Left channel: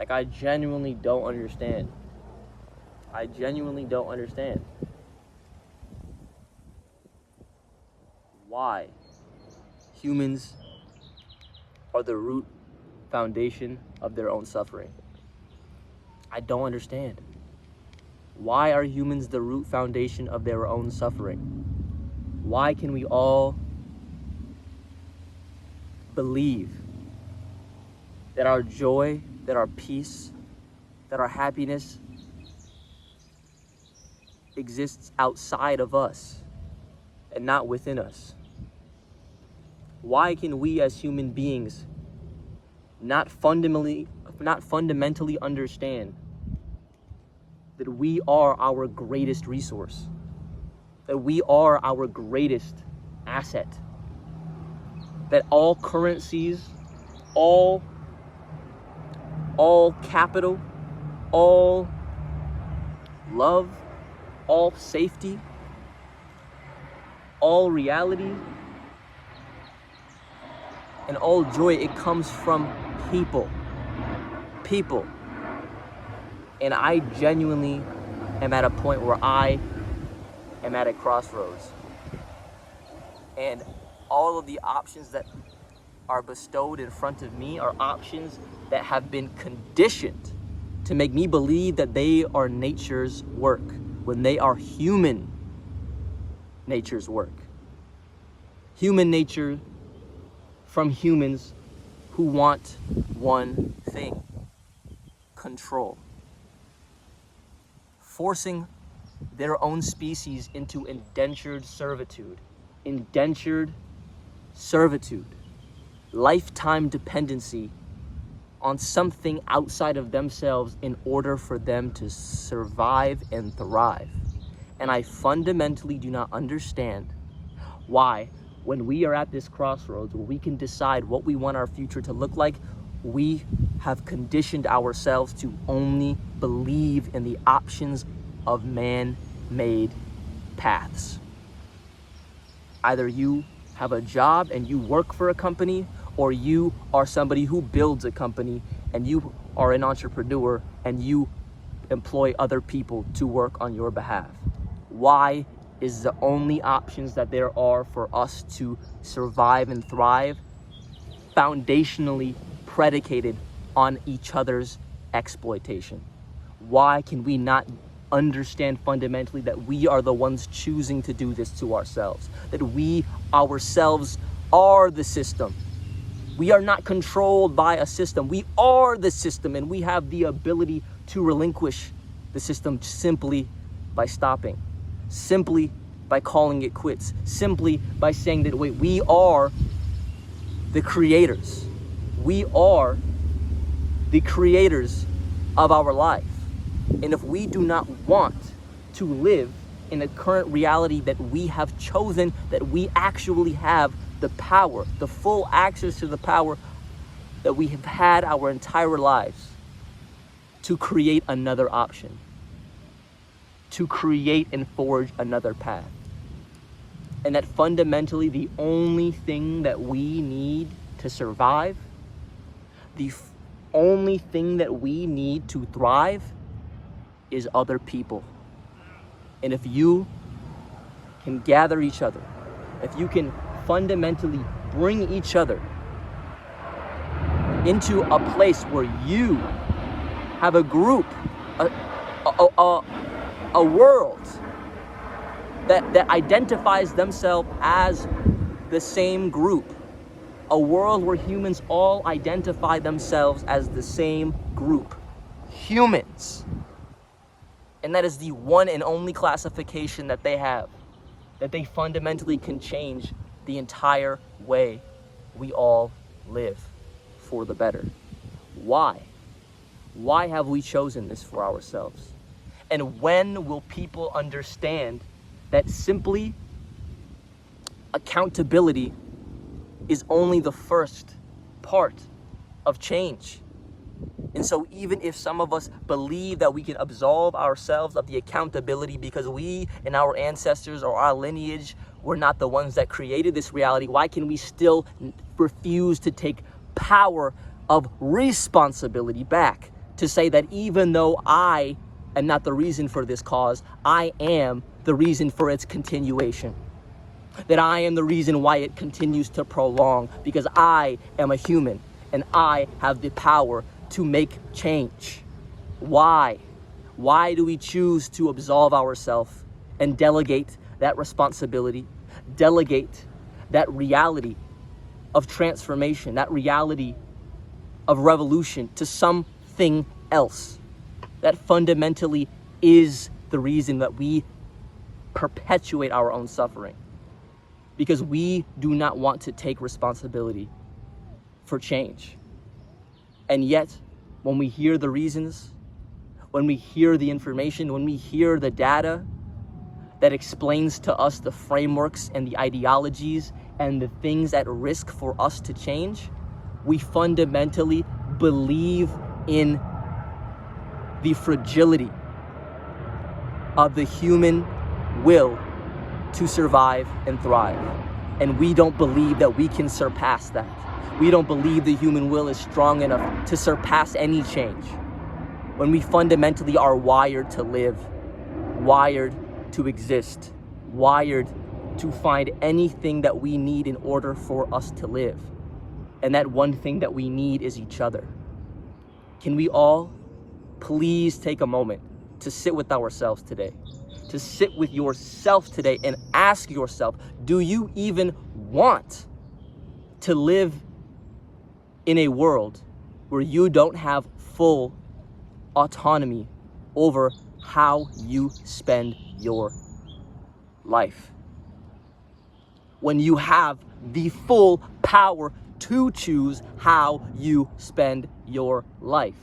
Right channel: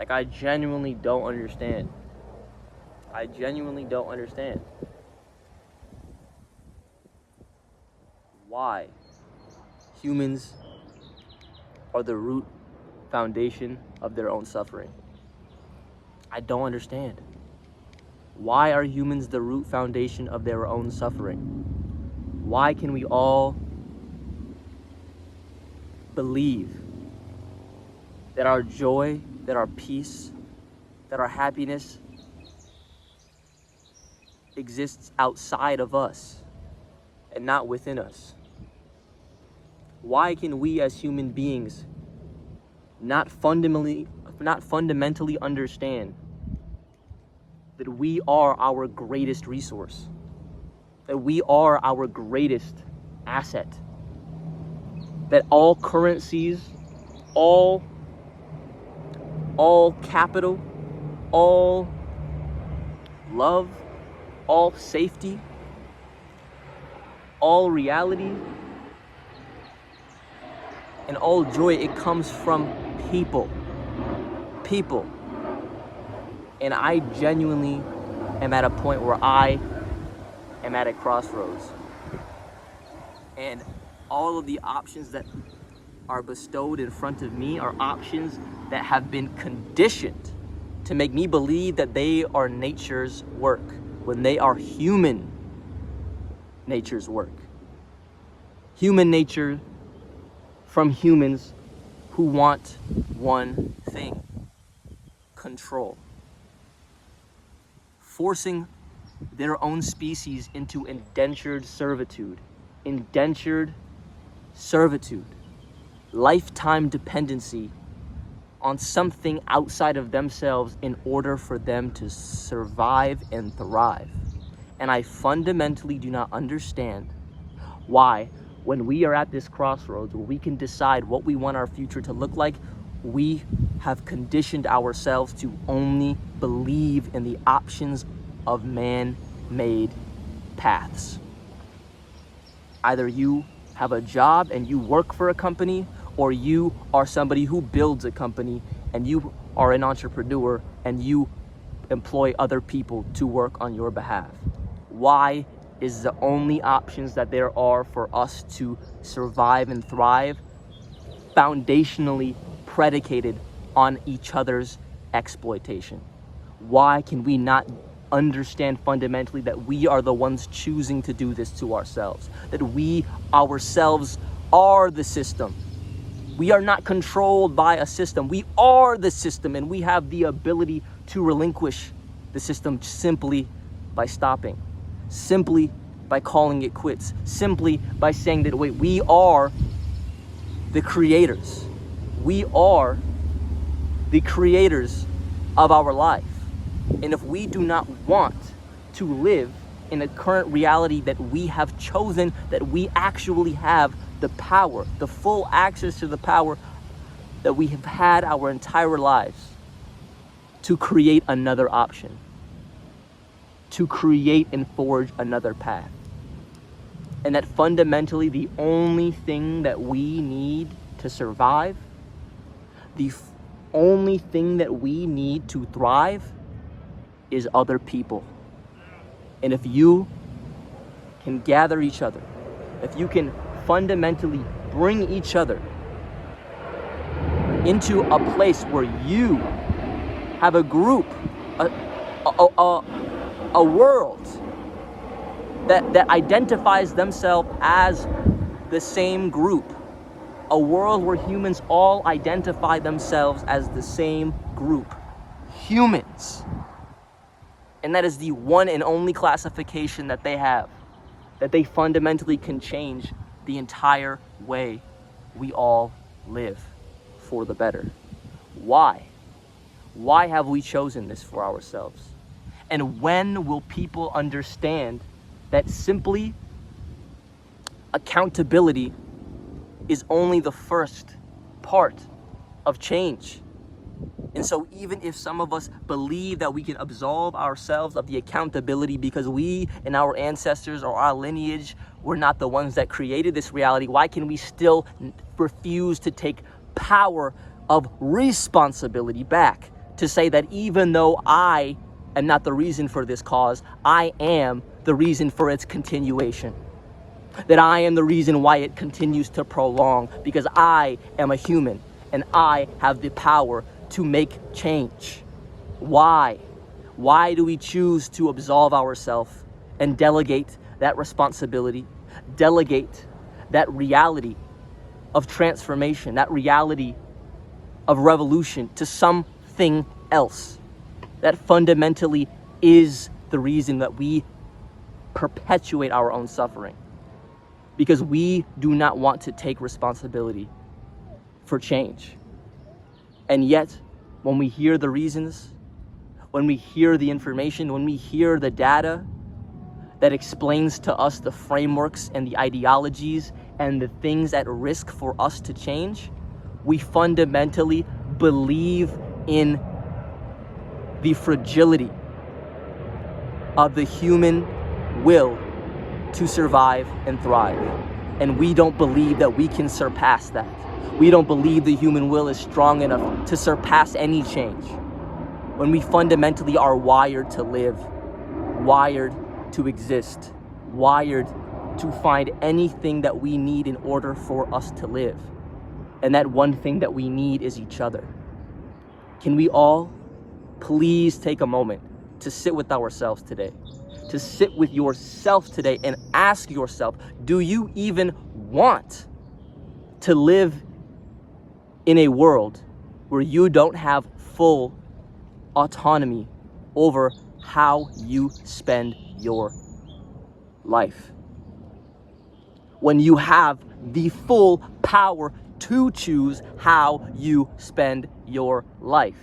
Like, I genuinely don't understand. I genuinely don't understand why humans are the root foundation of their own suffering. I don't understand. Why are humans the root foundation of their own suffering? Why can we all believe that our joy, that our peace, that our happiness exists outside of us and not within us? Why can we as human beings not fundamentally understand that we are our greatest resource, that we are our greatest asset, that all currencies, all capital, all love, all safety, all reality, and all joy, it comes from people. And I genuinely am at a point where I am at a crossroads. And all of the options that are bestowed in front of me are options that have been conditioned to make me believe that they are nature's work, when they are human nature's work. Human nature from humans who want one thing: control. Forcing their own species into indentured servitude, lifetime dependency on something outside of themselves in order for them to survive and thrive. And I fundamentally do not understand why, when we are at this crossroads where we can decide what we want our future to look like, we have conditioned ourselves to only believe in the options of man-made paths. Either you have a job and you work for a company, or you are somebody who builds a company and you are an entrepreneur and you employ other people to work on your behalf. Why is the only options that there are for us to survive and thrive foundationally predicated on each other's exploitation? Why can we not understand fundamentally that we are the ones choosing to do this to ourselves? That we ourselves are the system. We are not controlled by a system. We are the system, and we have the ability to relinquish the system simply by stopping, simply by calling it quits, simply by saying that, wait, we are the creators. We are the creators of our life. And if we do not want to live in the current reality that we have chosen, that we actually have the power, the full access to the power that we have had our entire lives, to create another option, to create and forge another path. And that fundamentally the only thing that we need to survive, the only thing that we need to thrive, is other people. And if you can gather each other, if you can fundamentally bring each other into a place where you have a group, a world that identifies themselves as the same group, a world where humans all identify themselves as the same group, humans. And that is the one and only classification that they have, that they fundamentally can change the entire way we all live for the better. Why? Why have we chosen this for ourselves? And when will people understand that simply accountability is only the first part of change? And so even if some of us believe that we can absolve ourselves of the accountability because we and our ancestors or our lineage were not the ones that created this reality, why can we still refuse to take power of responsibility back, to say that even though I am not the reason for this cause, I am the reason for its continuation. That I am the reason why it continues to prolong, because I am a human and I have the power to make change. Why? Why do we choose to absolve ourselves and delegate that responsibility, delegate that reality of transformation, that reality of revolution to something else that fundamentally is the reason that we perpetuate our own suffering? Because we do not want to take responsibility for change. And yet, when we hear the reasons, when we hear the information, when we hear the data that explains to us the frameworks and the ideologies and the things at risk for us to change, we fundamentally believe in the fragility of the human will to survive and thrive. And we don't believe that we can surpass that. We don't believe the human will is strong enough to surpass any change. When we fundamentally are wired to live, wired to exist, wired to find anything that we need in order for us to live. And that one thing that we need is each other. Can we all please take a moment to sit with ourselves today? To sit with yourself today and ask yourself, do you even want to live in a world where you don't have full autonomy over how you spend your life? When you have the full power to choose how you spend your life.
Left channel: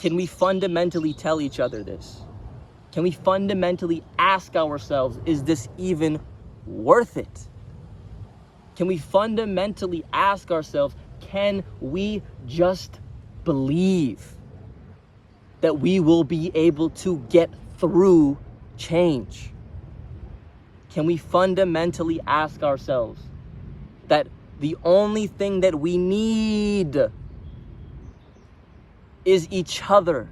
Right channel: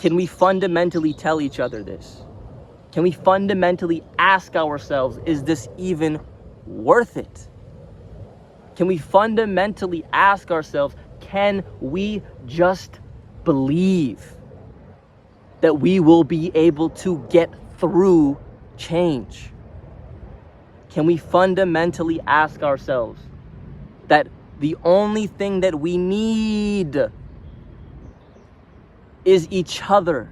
Can we fundamentally tell each other this? Can we fundamentally ask ourselves, is this even worth it? Can we fundamentally ask ourselves, can we just believe that we will be able to get through change? Can we fundamentally ask ourselves that the only thing that we need is each other?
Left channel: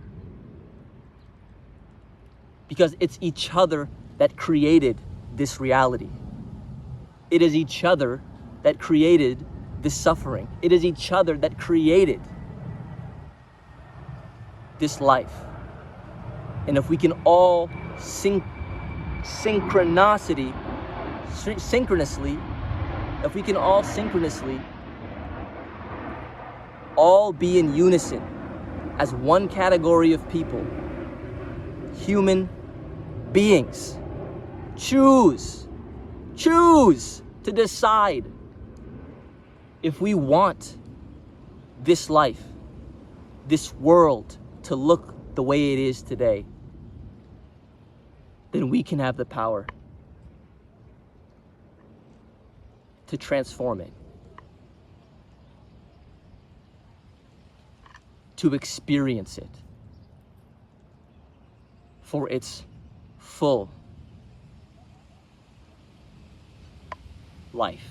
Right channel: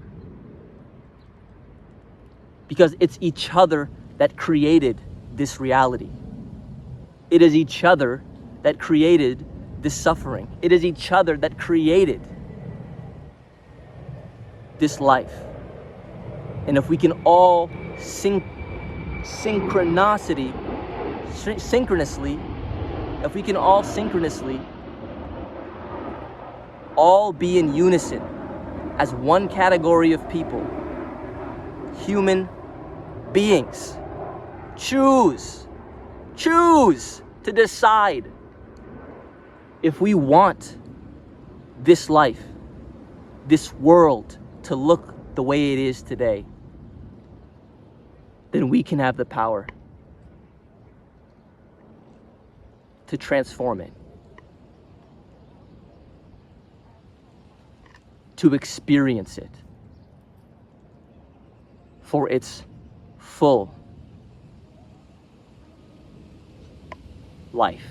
Because it's each other that created this reality. It is each other that created this suffering. It is each other that created this life. And if we can all synchronously, if we can all synchronously all be in unison as one category of people, human beings, choose to decide if we want this life, this world to look the way it is today, then we can have the power to transform it, to experience it for its full life.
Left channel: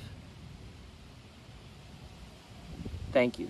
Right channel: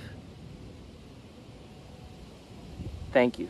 Thank you.